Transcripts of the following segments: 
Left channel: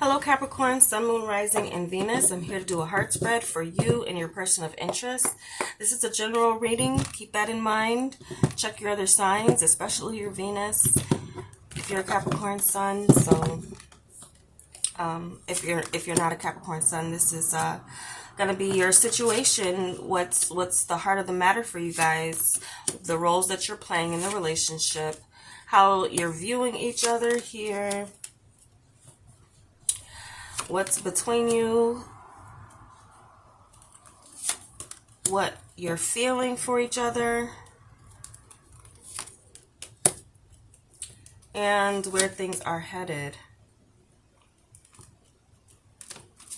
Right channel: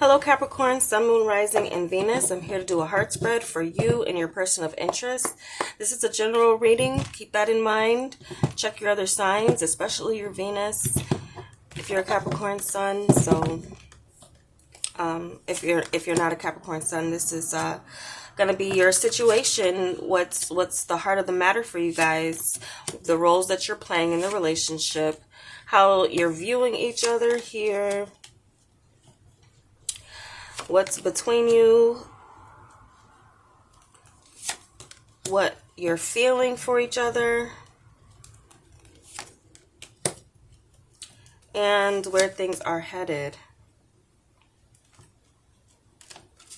Hello Capricorn, Sun, Moon, Rising, and Venus. I'm here to do a heart spread for you and your person of interest. This is a general reading. Keep that in mind. Check your other signs, especially your Venus, if you're a Capricorn Sun. So if you're not a Capricorn Sun, this is gonna be your situation. What's the heart of the matter for you guys? The roles that you're playing in the relationship, how you're viewing each other here. What's between you, what you're feeling for each other, and where things are headed.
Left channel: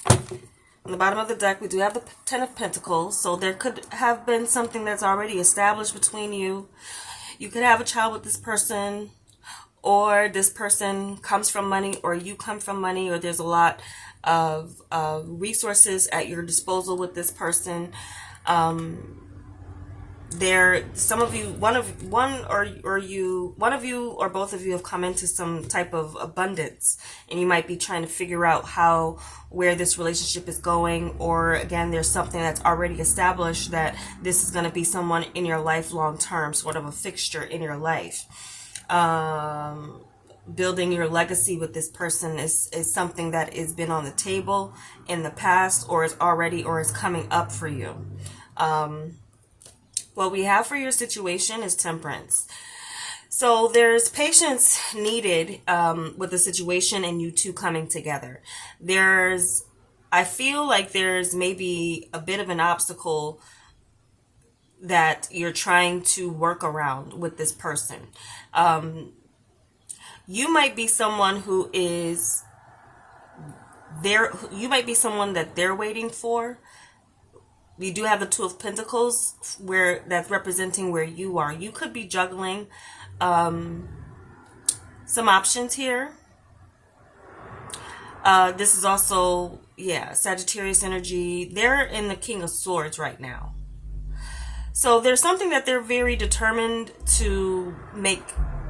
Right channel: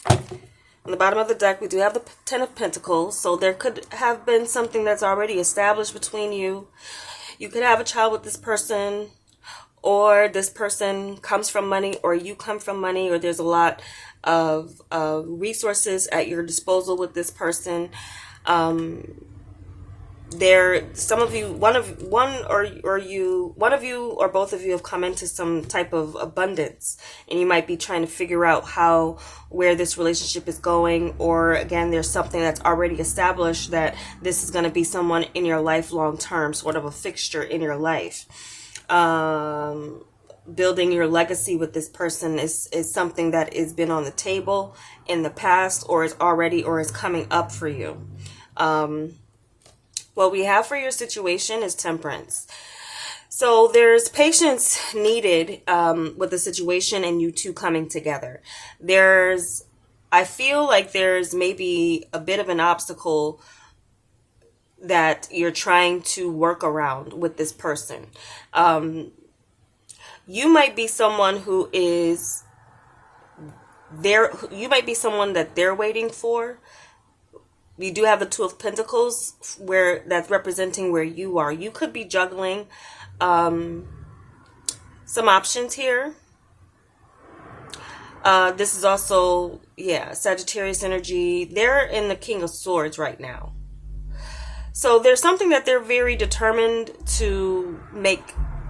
On the bottom of the deck, we do have the Ten of Pentacles, so there could have been something that's already established between you. You could have a child with this person, or this person comes from money, or you come from money, or there's a lot of resources at your disposal with this person. Some of you, one of you or both of you have come into some type of abundance, and you might be trying to figure out where this relationship is going, or again, there's something that's already established that this is going to be someone in your life long term, sort of a fixture in your life. Building your legacy with this person is something that has been on the table in the past, or is coming up for you. What we have for your situation is Temperance. So there's patience needed with the situation and you two coming together. I feel like there's maybe a bit of an obstacle that you're trying to work around with this person. You might be someone who is there. You might be someone that they're waiting for. You do have the Two of Pentacles, where that's representing where you are. You could be juggling some options here. This is also, Sagittarius energy. They're in the King of Swords right now. So there's something that they're very determined to make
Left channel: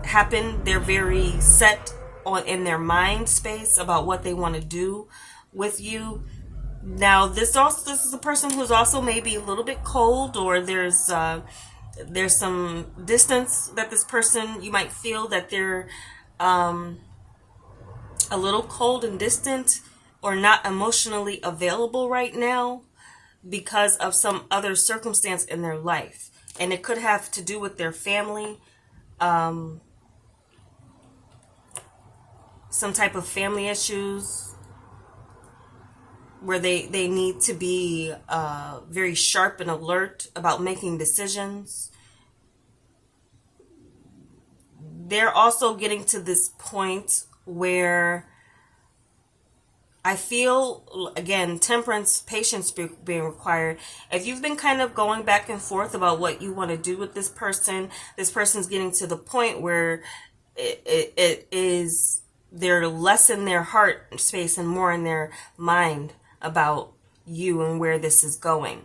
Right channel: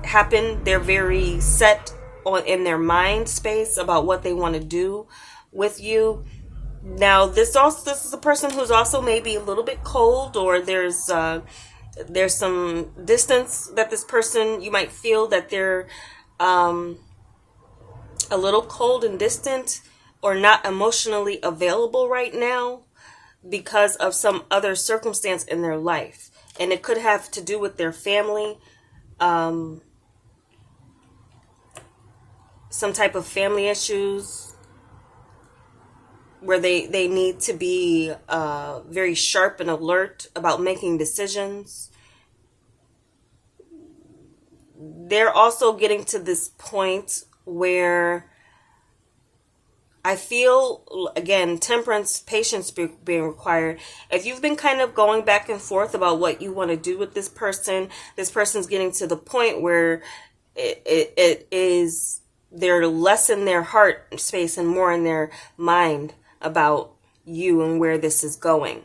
happen. They're very set in their mind space about what they want to do with you. Now, this is a person who's also maybe a little bit cold, or there's some distance that this person, you might feel that they're a little cold and distant, or not emotionally available right now because of some other circumstance in their life. And it could have to do with their family, some type of family issues where they need to be very sharp and alert about making decisions. They're also getting to this point where I feel, again, temperance, patience being required. If you've been kind of going back and forth about what you want to do with this person's getting to the point where it is, they're less in their heart space and more in their mind about you and where this is going.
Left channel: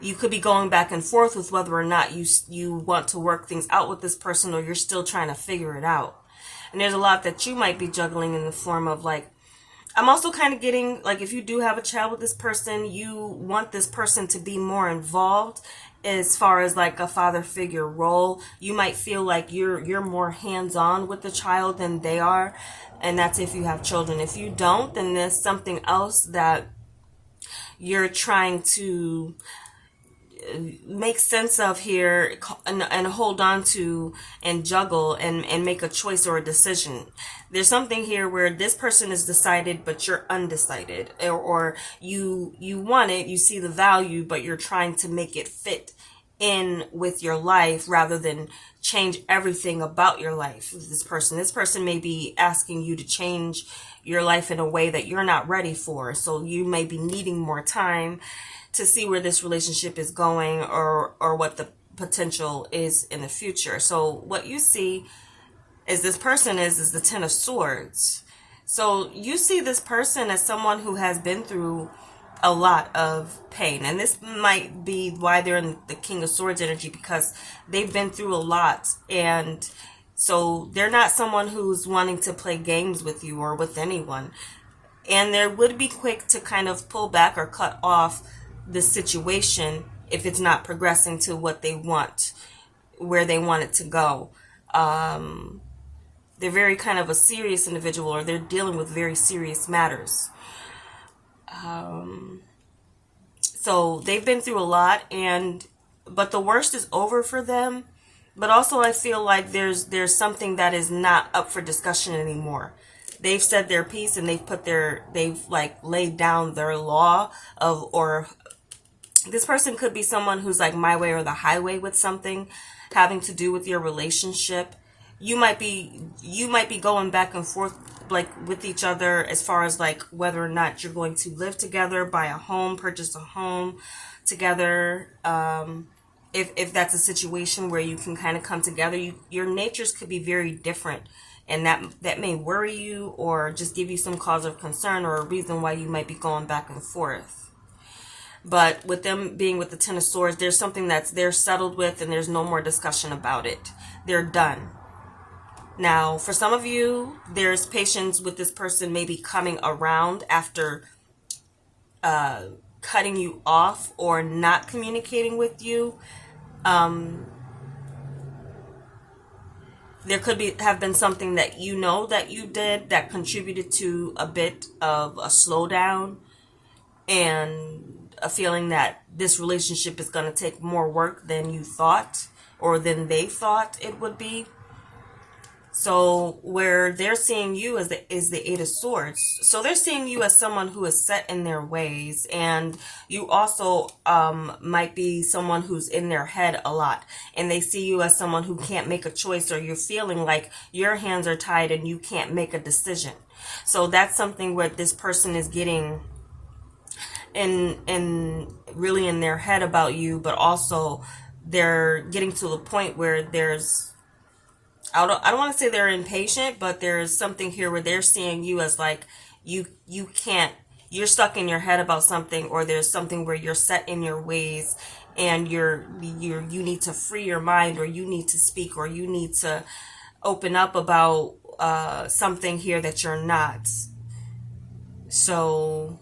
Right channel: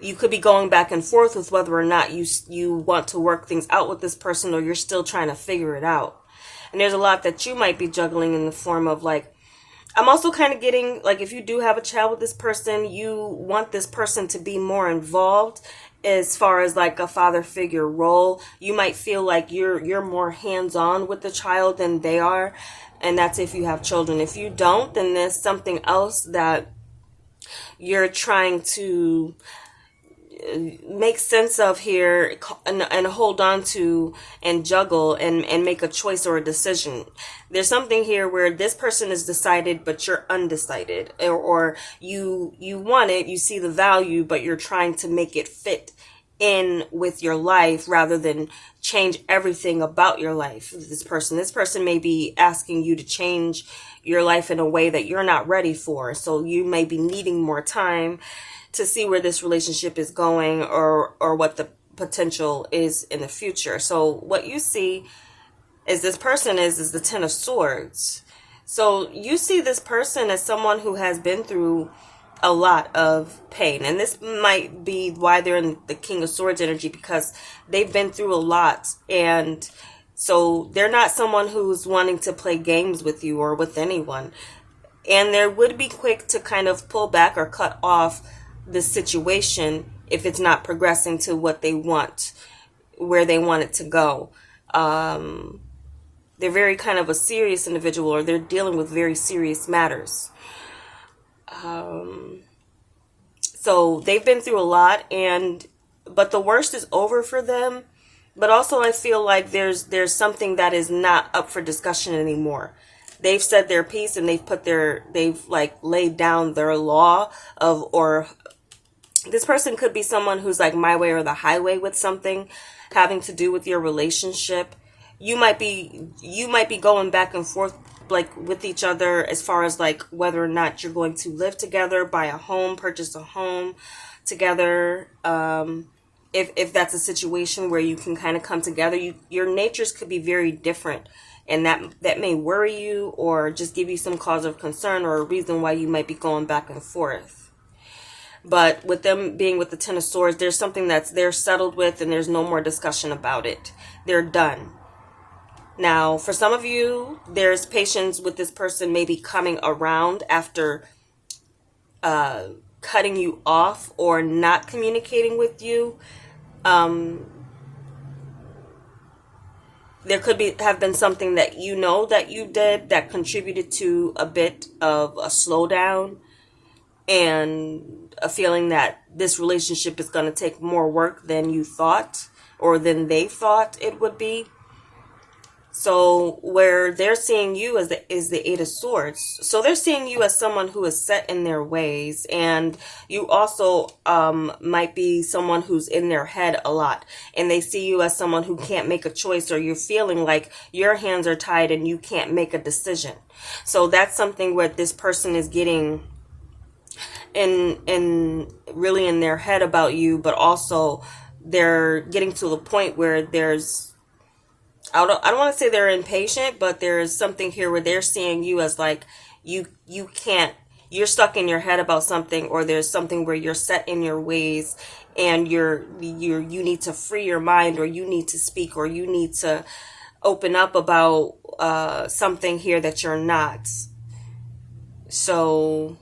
You could be going back and forth with whether or not you want to work things out with this person, or you're still trying to figure it out. And there's a lot that you might be juggling in the form of, like, I'm also kind of getting, like, if you do have a child with this person, you want this person to be more involved as far as like a father figure role. You might feel like you're more hands-on with the child than they are. And that's if you have children. If you don't, then there's something else that you're trying to make sense of here and hold on to and juggle and make a choice or a decision. There's something here where this person is decided but you're undecided, or you want it, you see the value, but you're trying to make it fit in with your life rather than change everything about your life with this person. This person may be asking you to change your life in a way that you're not ready for, so you may be needing more time to see where this relationship is going, or what the potential is in the future. So what you see is this person is the Ten of Swords. So you see this person as someone who has been through a lot of pain. And this might be why they're in the King of Swords energy, because they've been through a lot. And So they're not someone who's wanting to play games with you or with anyone. And they would be quick to kind of pull back or cut off this situation if it's not progressing to what they want, where they want it to go. They're very kind of a serious individual, or they're dealing with very serious matters. So they've been through a lot, but the worst is over for them. But also I feel like there's something that is not up for discussion anymore. They've said their piece, and they've like laid down their law of, or this person could be someone who's like my way or the highway with something having to do with your relationship. You might be going back and forth like with each other as far as like whether or not you're going to live together, buy a home, purchase a home together. If that's a situation where you can kind of come together, your natures could be very different, and that may worry you or just give you some cause of concern or a reason why you might be going back and forth. But with them being with the Ten of Swords, there's something they're settled with, and there's no more discussion about it. They're done. Now, for some of you, there's patience with this person maybe coming around after cutting you off or not communicating with you. There could have been something that you know that you did that contributed to a bit of a slowdown and a feeling that this relationship is going to take more work than you thought or than they thought it would be. So where they're seeing you is the Eight of Swords. So they're seeing you as someone who is set in their ways, and you also might be someone who's in their head a lot, and they see you as someone who can't make a choice, or you're feeling like your hands are tied and you can't make a decision. So that's something where this person is getting in really in their head about you, but also they're getting to the point where I don't want to say they're impatient, but there's something here where they're seeing you as like you can't, you're stuck in your head about something, or there's something where you're set in your ways and you need to free your mind, or you need to speak, or you need to open up about something here that you're not. So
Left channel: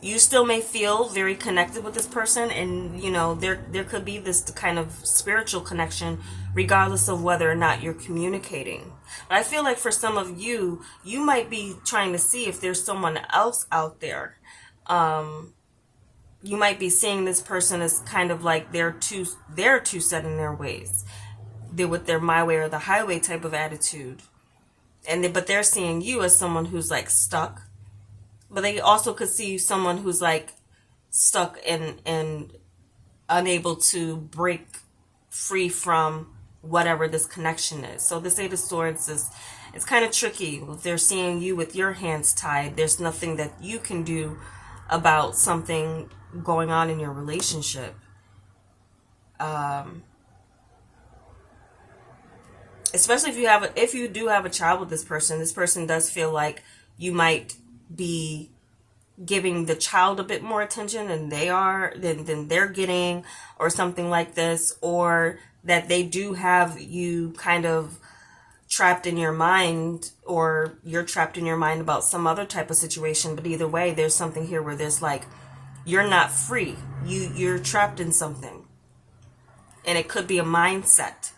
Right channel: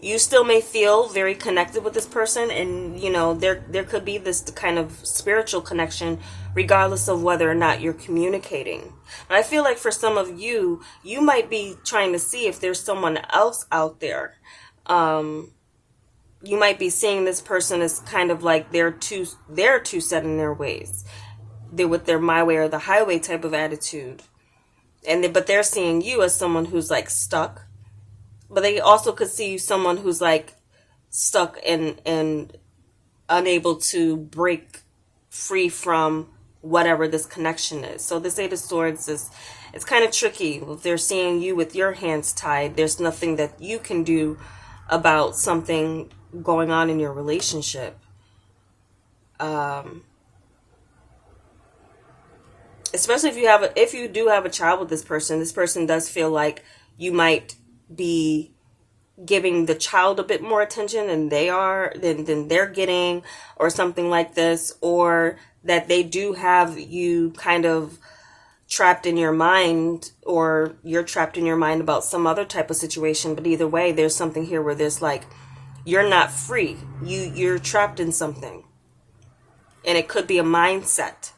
you still may feel very connected with this person, and there could be this kind of spiritual connection regardless of whether or not you're communicating. But I feel like for some of you, you might be trying to see if there's someone else out there. You might be seeing this person as kind of like they're too set in their ways. They're with their my way or the highway type of attitude. But they're seeing you as someone who's like stuck. But they also could see you someone who's like stuck and unable to break free from whatever this connection is. So this Eight of Swords it's kind of tricky. If they're seeing you with your hands tied, there's nothing that you can do about something going on in your relationship. Especially if you do have a child with this person does feel like you might be giving the child a bit more attention than they're getting, or something like this, or that they do have you kind of trapped in your mind, or you're trapped in your mind about some other type of situation. But either way, there's something here where there's like you're not free, you're trapped in something, and it could be a mindset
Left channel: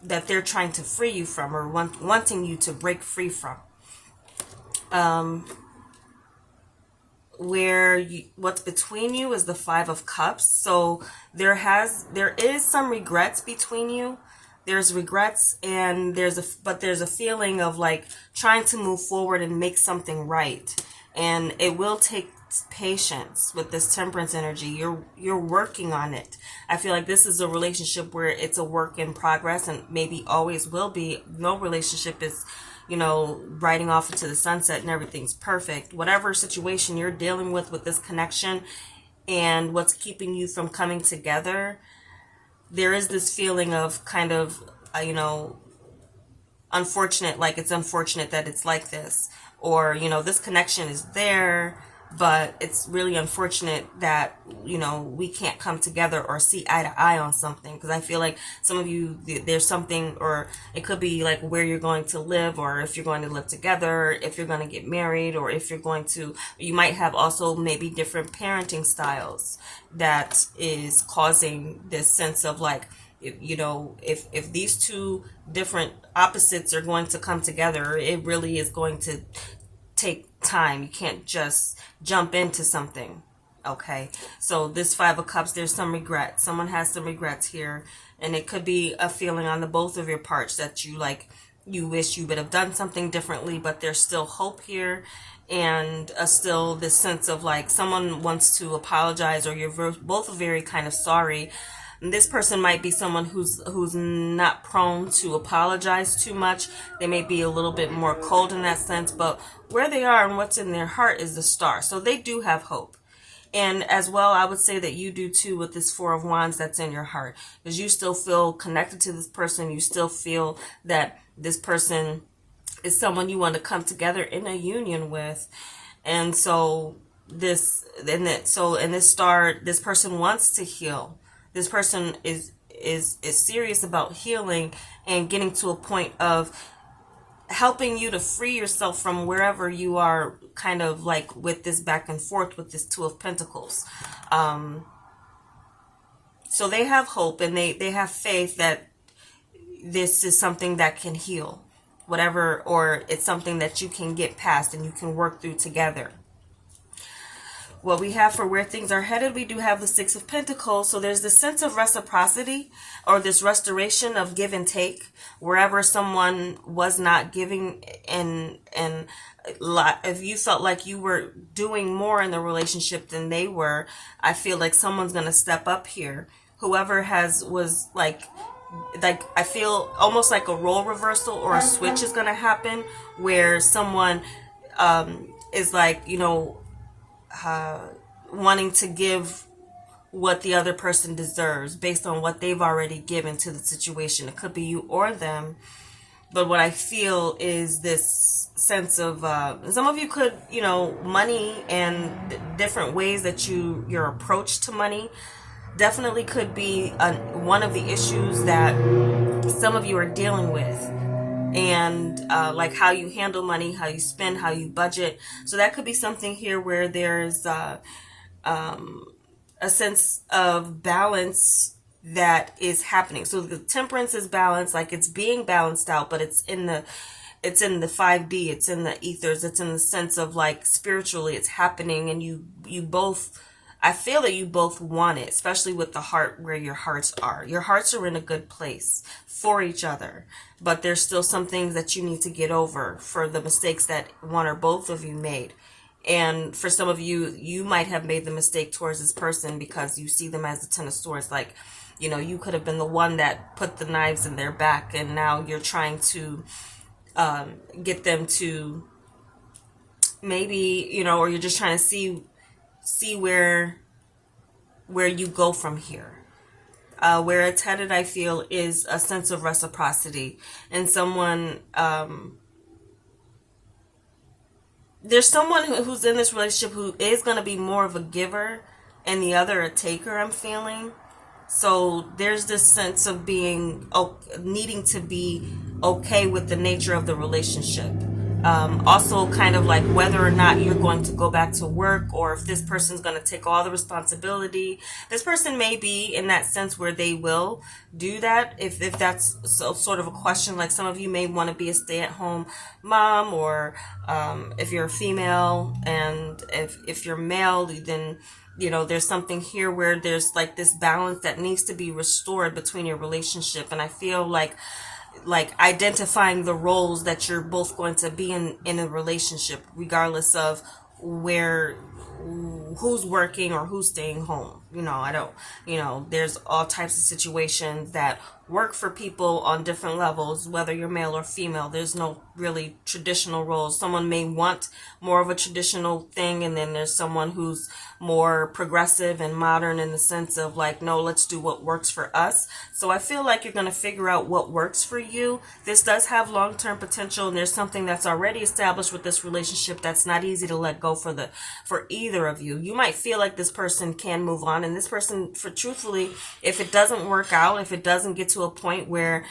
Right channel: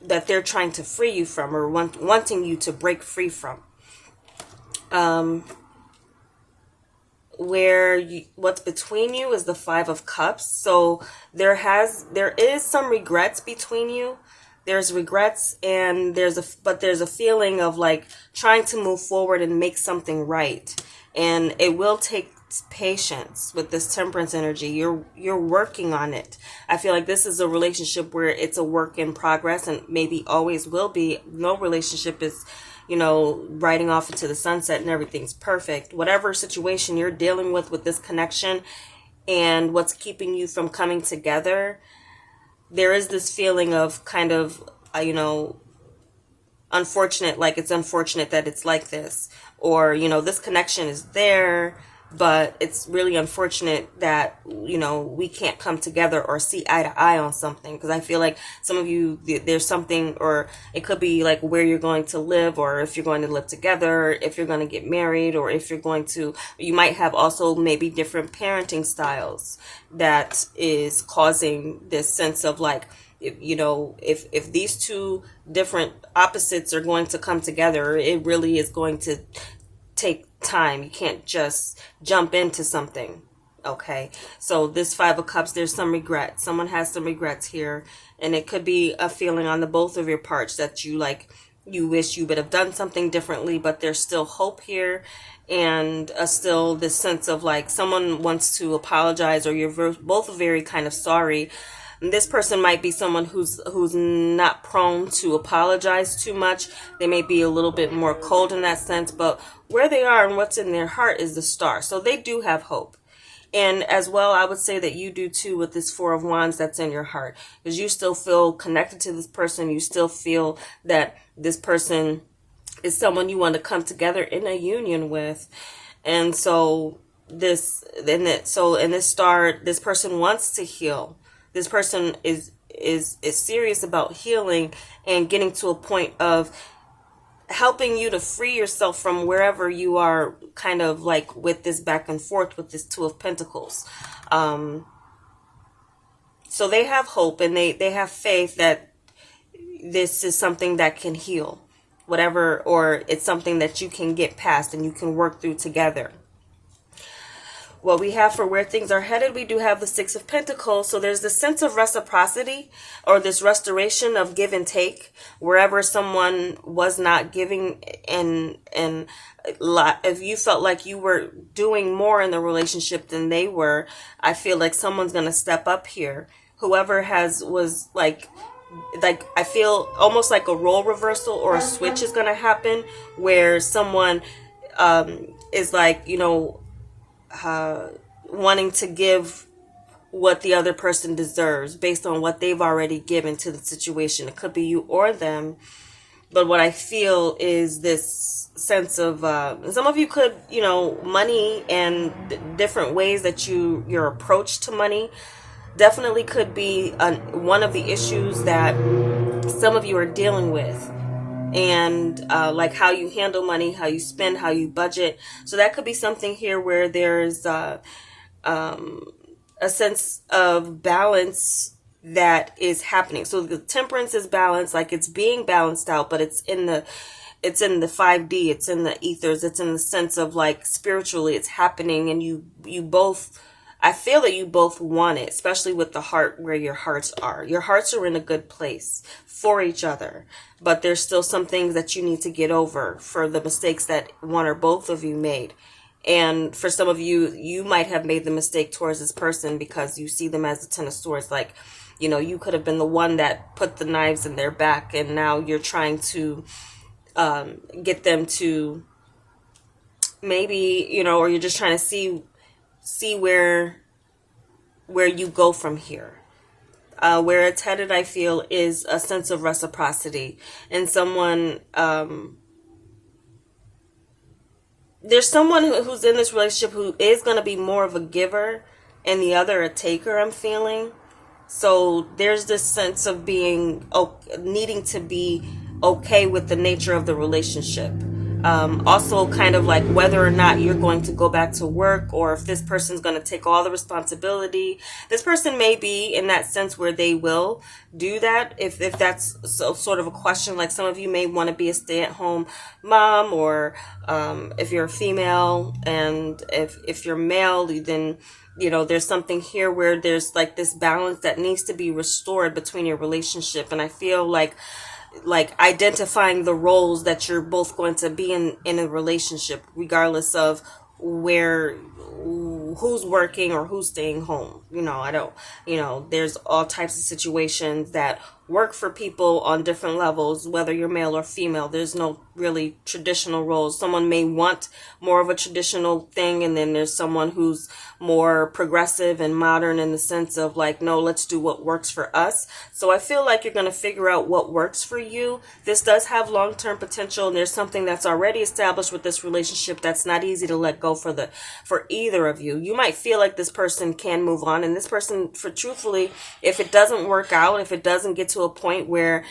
that they're trying to free you from, or wanting you to break free from. What's between you is the Five of Cups. So there is some regrets between you. There's regrets, and there's a feeling of like trying to move forward and make something right. And it will take patience with this Temperance energy. You're working on it. I feel like this is a relationship where it's a work in progress, and maybe always will be. No relationship is riding off into the sunset and everything's perfect. Whatever situation you're dealing with this connection and what's keeping you from coming together, there is this feeling of kind of, unfortunate, like it's unfortunate that it's like this. Or, this connection is there, But it's really unfortunate that, we can't come together or see eye to eye on something, because I feel like some of you, there's something, or it could be like where you're going to live, or if you're going to live together, if you're going to get married, or if you might have also maybe different parenting styles that is causing this sense of like, if these two different opposites are going to come together, it really is going to take time. You can't just jump into something. Okay, so this Five of Cups, there's some regret. Someone has some regrets here, and it could be a feeling on the both of your parts that you wish you would have done something differently, but there's still hope here, and still this sense of like someone wants to apologize, or you're both very kind of sorry. This person might be someone who's not prone to apologize too much. They may be a little bit more cold in that sense, but where they are and what's in their heart is the Star. So they do have hope. And as well, I would say that you do too with this Four of Wands that's in your heart, because you still feel connected to this person. You still feel that this person is someone you want to come together in a union with. And so in this Star, this person wants to heal. This person is serious about healing and getting to a point of helping you to free yourself from wherever you are, kind of like with this back and forth with this Two of Pentacles. So they have hope, and they have faith that this is something that can heal, whatever, or it's something that you can get past and you can work through together. What we have for where things are headed, we do have the Six of Pentacles. So there's this sense of reciprocity, or this restoration of give and take, wherever someone was not giving, and if you felt like you were doing more in the relationship than they were, I feel like someone's going to step up here. Whoever was like I feel almost like a role reversal or a switch is going to happen, where someone is like, wanting to give what the other person deserves based on what they've already given to the situation. It could be you or them, but what I feel is this sense of some of you could, money and different ways that your approach to money definitely could be one of the issues that some of you are dealing with. And like how you handle money, how you spend, how you budget. So that could be something here where there's a sense of balance that is happening. So the Temperance is balanced, like it's being balanced out, but it's in the 5D, it's in the ethers, it's in the sense of like spiritually it's happening, and you both, I feel that you both want it, especially with the heart, where your hearts are. Your hearts are in a good place for each other, but there's still some things that you need to get over for the mistakes that one or both of you made. And for some of you, you might have made the mistake towards this person because you see them as the Ten of Swords. Like, you could have been the one that put the knives in their back, and now you're trying to get them to maybe, or you're just trying to see where you go from here. Where it's headed, I feel, is a sense of reciprocity, and someone there's someone who's in this relationship who is going to be more of a giver and the other a taker, I'm feeling. So there's this sense of needing to be okay with the nature of the relationship. Also kind of like whether or not you're going to go back to work, or if this person's going to take all the responsibility. This person may be in that sense where they will do that, if that's sort of a question. Like some of you may want to be a stay-at-home mom, or if you're a female, and if you're male, then there's something here where there's like this balance that needs to be restored between your relationship. And I feel like identifying the roles that you're both going to be in a relationship, regardless of where who's working or who's staying home. I don't, there's all types of situations that work for people on different levels, whether you're male or female. There's no really traditional roles. Someone may want more of a traditional thing, and then there's someone who's more progressive and modern in the sense of like, no, let's do what works for us. So I feel like you're going to figure out what works for you. This does have long-term potential, and there's something that's already established with this relationship that's not easy to let go for either of you. You might feel like this person can move on, and this person, for truthfully, if it doesn't work out, if it doesn't get to a point where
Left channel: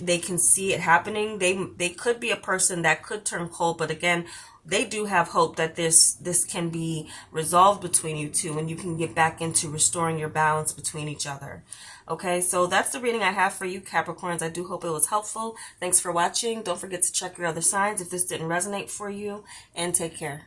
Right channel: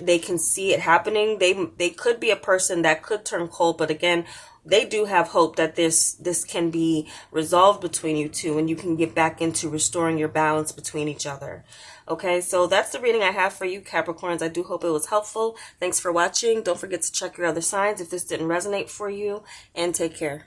they can see it happening, they could be a person that could turn cold. But again, they do have hope that this can be resolved between you two, and you can get back into restoring your balance between each other. Okay, so that's the reading I have for you, Capricorns. I do hope it was helpful. Thanks for watching. Don't forget to check your other signs if this didn't resonate for you, and take care.